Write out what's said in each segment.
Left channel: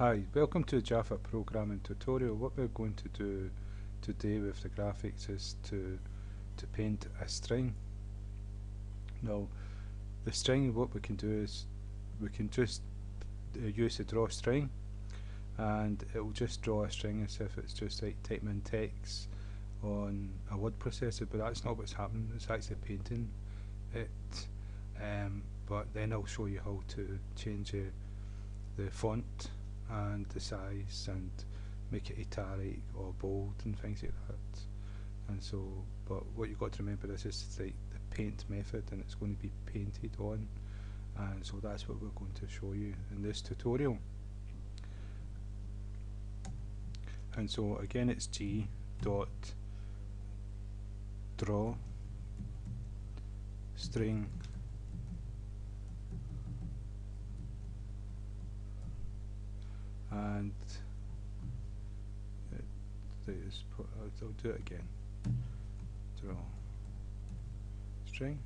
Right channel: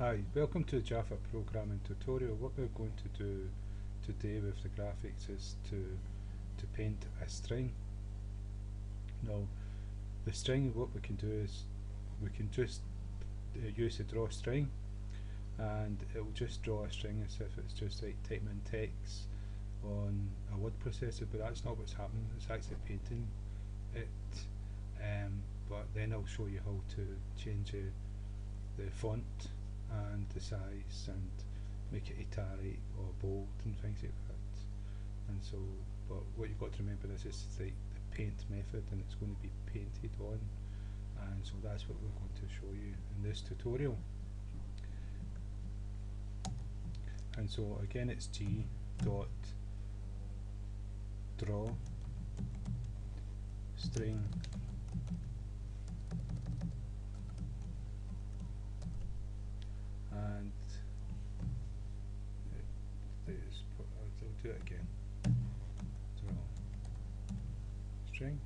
Hi, welcome to Java programming tutorial. What we're going to do today with the graphics is to paint a string. Now, the string, what we can do is we can just use the drawString, and it will just draw a string as if it's just like typing in text on a word processor, but that's not what's happening. It's actually painting it. But then I'll show you how to change the font and the size and make it italic or bold and things like that. And so, but what you've got to remember is it's like the paint method, and it's going to be painted on, and so that's what we're going to show you in this tutorial. And so again, it's g dot draw string and I'll do it again. Draw string,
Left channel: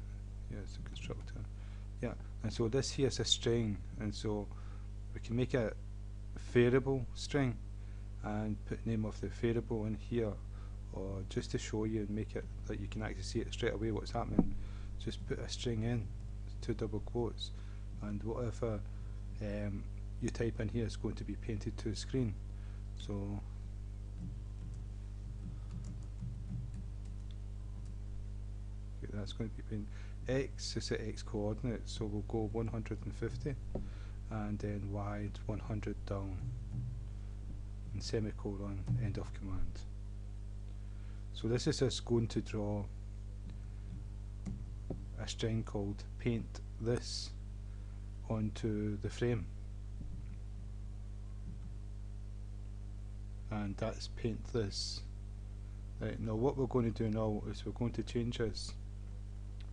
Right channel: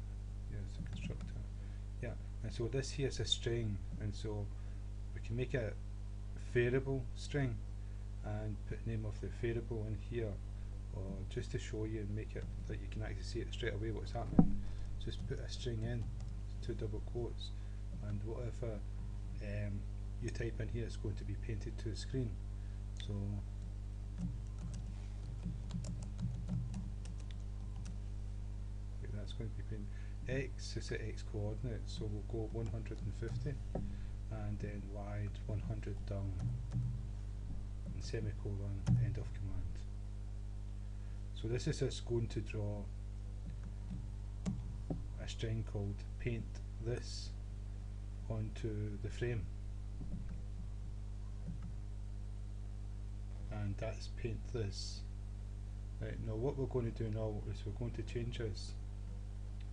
yes, a constructor. Yeah, and so this here is a string, and so we can make a variable string and put name of the variable in here, or just to show you and make it that you can actually see it straight away what's happening. Just put a string in, 2 double quotes, and whatever you type in here is going to be painted to the screen. So that's going to be painted. X is the x coordinate, so we'll go 150, and then Y 100 down, and semicolon, end of command. So this is us going to draw a string called paint this onto the frame, and that's paint this. Right, now what we're going to do now is we're going to change this.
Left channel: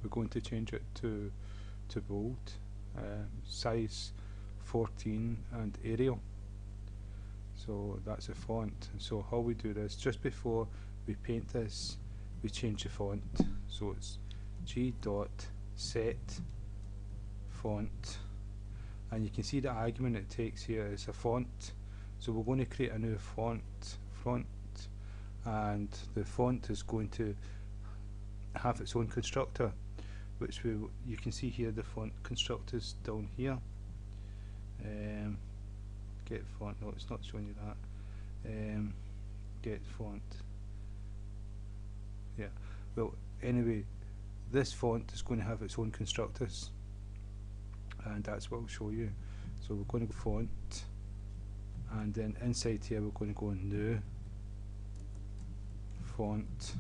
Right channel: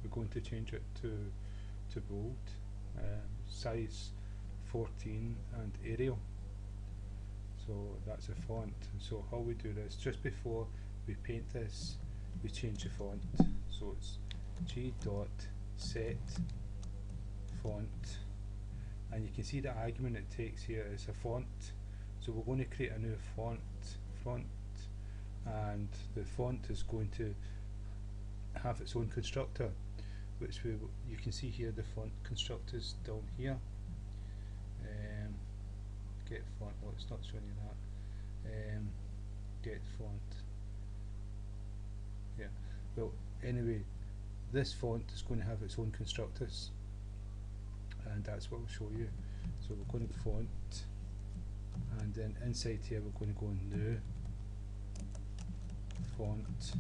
We're going to change it to bold, size 14, and Arial. So that's a font. And so how we do this, just before we paint this, we change the font. So it's g dot set font, and you can see the argument it takes here is a font. So we're going to create a new font, and the font is going to have its own constructor, which you can see here the font constructors down here. Get font, no, it's not showing you that. Get font. Yeah. Well, anyway, this font is going to have its own constructors, and that's what I'll show you. So we're going to go font, and then inside here we're going to go new font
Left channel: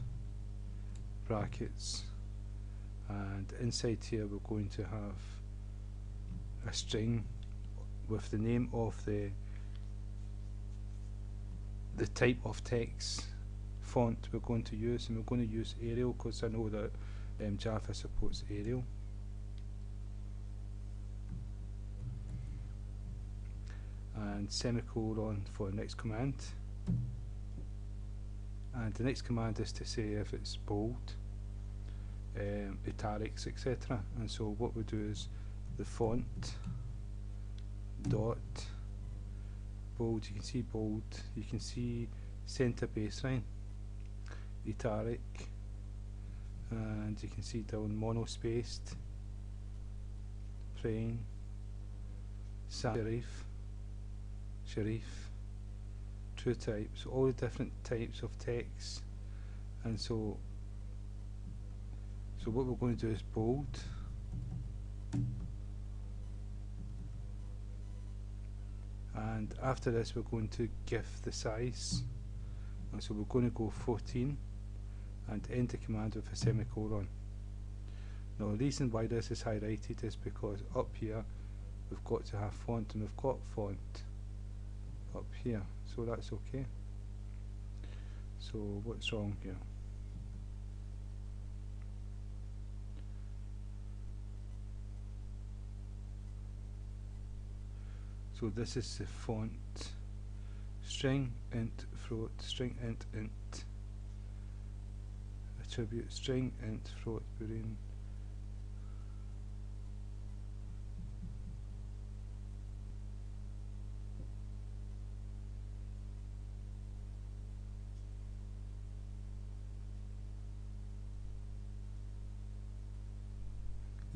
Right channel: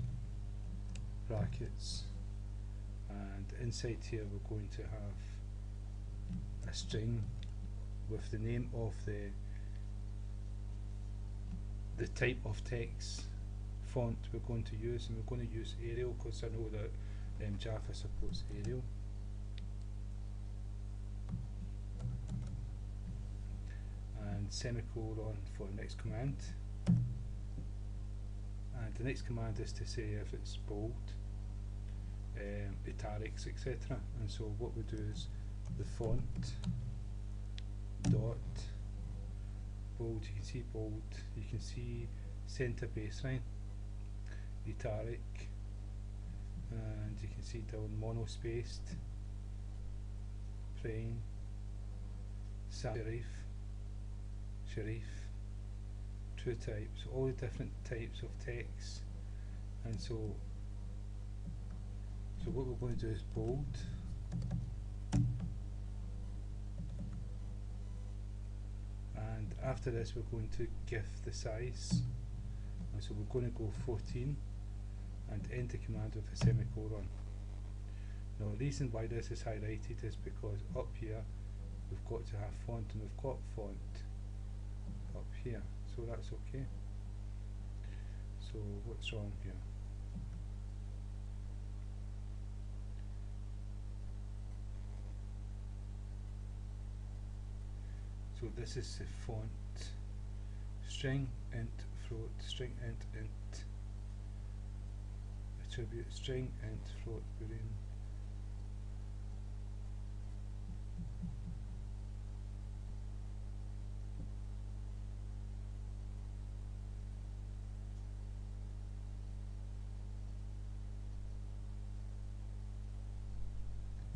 brackets, and inside here we're going to have a string with the name of the type of text font we're going to use, and we're going to use Arial because I know that Java supports Arial. And semicolon for the next command, and the next command is to say if it's bold, italics, etc. And so what we do is the font dot bold. You can see bold, you can see center baseline, italic, and you can see down monospaced, plain, serif, true types, all the different types of text. And so what we're going to do is bold, and after this we're going to give the size, and so we're going to go 14 and end the command with a semicolon. Now the reason why this is highlighted is because up here we've got to have font, and we've got font up here, so that's okay. So what's wrong here? So this is the font string int float, string int attribute, string int float boolean,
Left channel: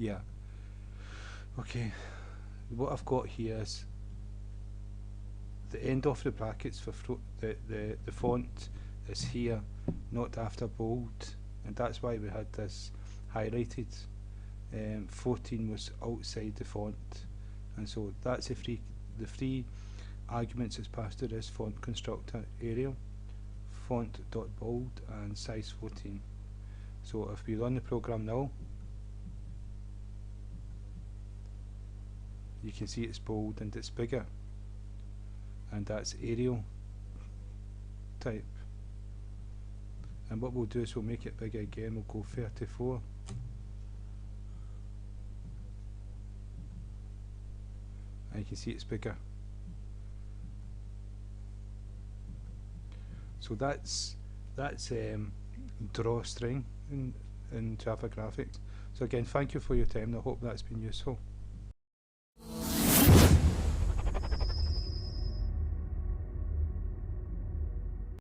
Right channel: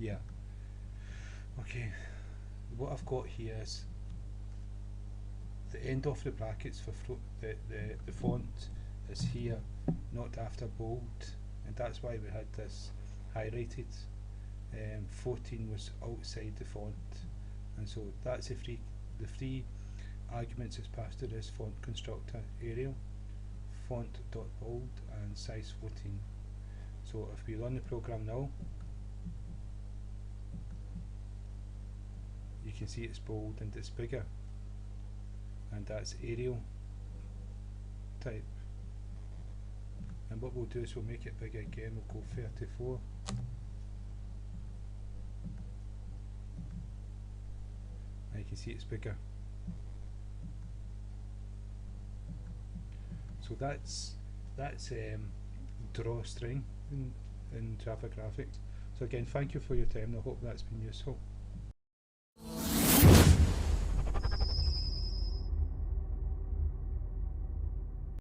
Yeah. Okay, what I've got here is the end of the brackets for the font is here, not after bold, and that's why we had this highlighted. 14 was outside the font, and so that's the three arguments is passed to this font constructor: Arial, font.bold, and size 14. So if we run the program now, you can see it's bold and it's bigger, and that's Arial type. And what we'll do is we'll make it bigger again. We'll go 34. And you can see it's bigger. So that's drawString in Java Graphics. So again, thank you for your time. I hope that's been useful.